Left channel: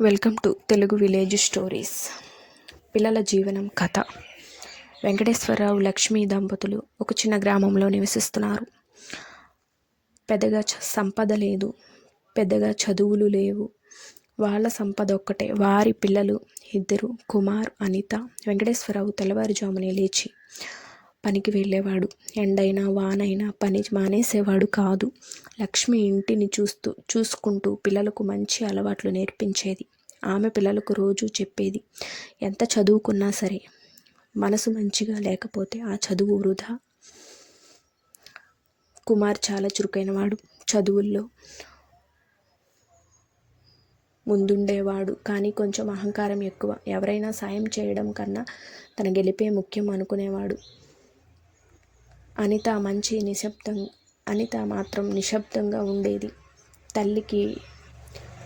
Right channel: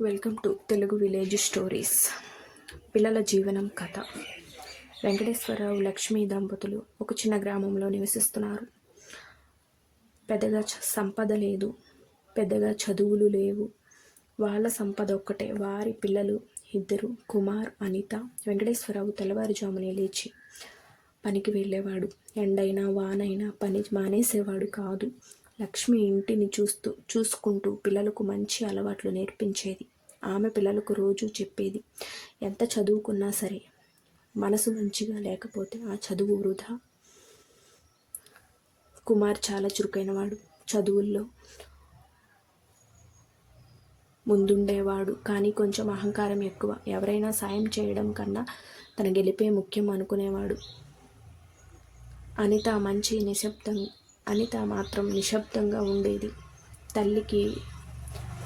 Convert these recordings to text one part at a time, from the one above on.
Welcome to Telugu village stories. పిల్లల జీవనం కథ. వెంకటేశ్వరరావు లక్ష్మీ దంపతులు ఒక చిన్న గ్రామంలో నివసిస్తున్నారు. పెద్దగా సంపద లేదు, పెద్దగా చదువులు లేవు. వాళ్ళ సంపద ఒక్కటే వారి పిల్లలు ఇద్దరు, కుమార్, అనిత. వెంకటేశ్వరరావు తెల్లవారుజామునే లేచి పనికి వెళ్ళేవాడు. ఎండైనా వానైనా పని మానేసేవాడు కాదు. లక్ష్మి ఇంటిని చూసుకుంటూ పిల్లలకు మంచి అలవాట్లు నేర్పించేది. ఆమె పిల్లలకు రోజు చెప్పేది, ఎంత చదువుకున్నా సరే మనసు మంచిగా లేకపోతే ఆ చదువు వృధా. కుమార్ చాలా చురుకైనవాడు. చదువుల్లో ముందుండేవాడు, కానీ కొంచెం అహంకారం ఎక్కువ. ఎవరైనా సాయం చేయడం కన్నా తన గెలిపే ముఖ్యం అనుకునేవాడు. అనిత మాత్రం నిశ్శబ్దంగా ఉండేది. తల్లికి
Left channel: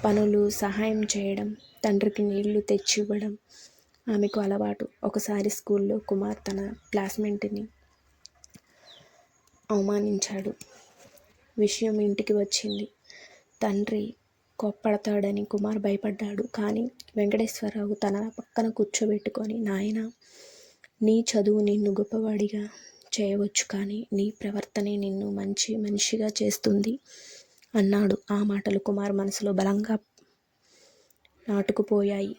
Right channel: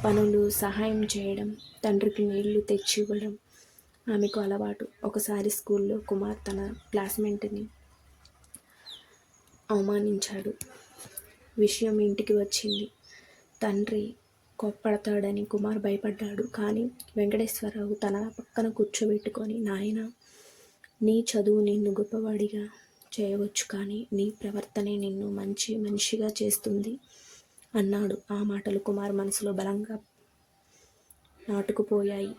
పనులు సహాయం చేయడం, తండ్రికి నీళ్లు తెచ్చివ్వడం ఆమెకు అలవాటు. ఒకసారి స్కూల్లో కుమార్ తన క్లాస్మేట్ని అవమానించాడు. విషయం ఇంటికి వచ్చింది. తండ్రి కోప్పడతాడని కుమార్ భయపడ్డాడు. కానీ వెంకటేశ్వరరావు తన పక్కన కూర్చోబెట్టుకొని, నాయనా, నీ చదువు నిన్ను గొప్పవాడిగా చేయవచ్చు, కానీ నీ ప్రవర్తనే నిన్ను మంచి మనిషిగా చేస్తుంది అన్నాడు. ఆ మాటలు కుమార్ మనసులో బలంగా నాటుకుపోయాయి.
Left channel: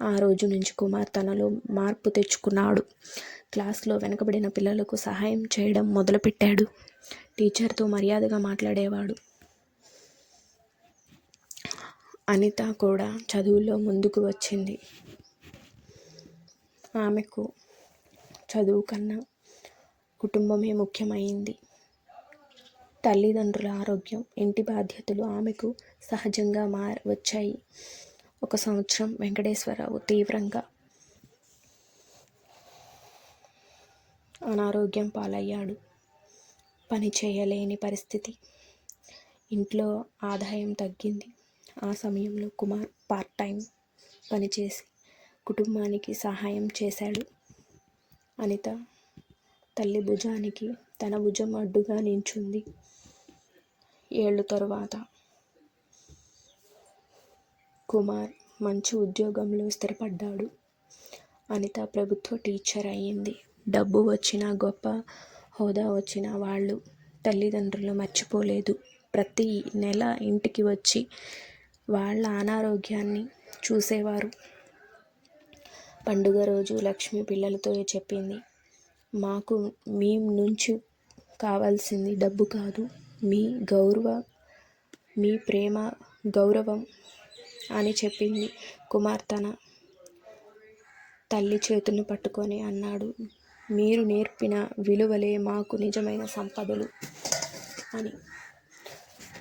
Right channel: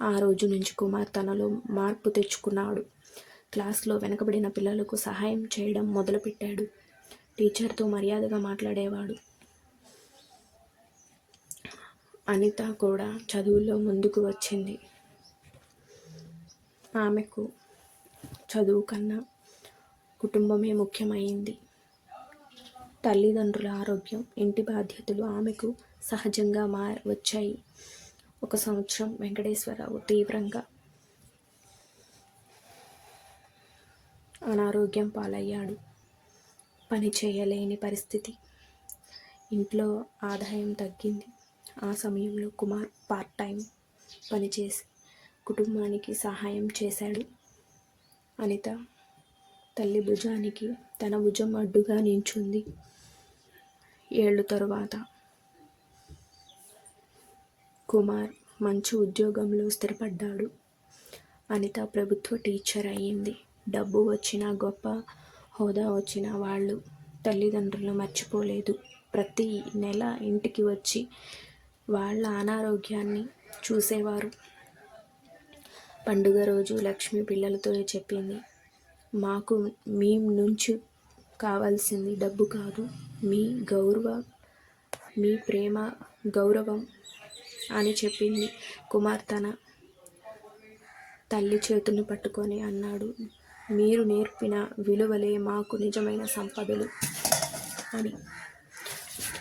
ఆ రోజు నుంచి కుమార్ తనలో మార్పు తెచ్చుకున్నాడు. క్లాస్లో వెనకబడిన పిల్లలకు సహాయం చేయడం మొదలుపెట్టాడు. టీచర్తో మర్యాదగా మాట్లాడేవాడు. అనిత కూడా చదువులో ముందుకు వచ్చింది. ఆమెకు చదువు కన్నా కుటుంబమే ముఖ్యమైంది. తల్లిదండ్రుల ఆరోగ్యం, ఇంటి బాధ్యతలు ఆమెకు సహజంగా వచ్చాయి. ఒక సంవత్సరం వెంకటేశ్వరరావు తీవ్రంగా అనారోగ్యం పాలయ్యాడు. పని చేయలేని పరిస్థితి. ఇంట్లో ఆదాయం తగ్గింది. ఆ సమయంలో కుమార్ పార్ట్ టైం పనిచేసి కుటుంబానికి సహాయం చేశాడు. అనిత తల్లి భుజానికి తన భుజం అడ్డుగా నించుంది. ఏళ్ళ తరువాత కుమార్ మంచి ఉద్యోగంలో స్థిరపడ్డాడు. అనిత ప్రభుత్వ టీచర్ అయ్యింది. డబ్బు వచ్చినా, గొప్ప హోదా వచ్చినా వాళ్ళు తల్లిదండ్రులు మర్చిపోలేదు. ప్రతి నెల ఇంటికి వచ్చి వాళ్ళ అనారోగ్యాన్ని చూసేవారు. పండుగ రోజు లక్ష్మి పిల్లలతో చెప్పింది, మాకు మీ నుంచి కావాల్సింది డబ్బు కాదు, మీ ప్రేమ, గౌరవం అని చెప్పింది. కుమార్ తన తల్లి చేతుల్ని పట్టుకొని అన్నాడు, మీరు నేర్పిన విలువలే మాకు నిజమైన సంపదలు అని.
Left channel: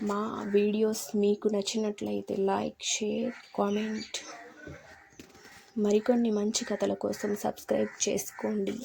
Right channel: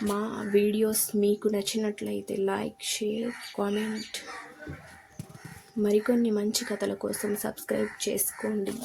మా వీడియోస్ మీకు నచ్చినట్లయితే లైక్, షేర్, కామెంట్. మరికొన్ని మంచి కథల కోసం సబ్స్క్రైబ్ చేసుకోండి.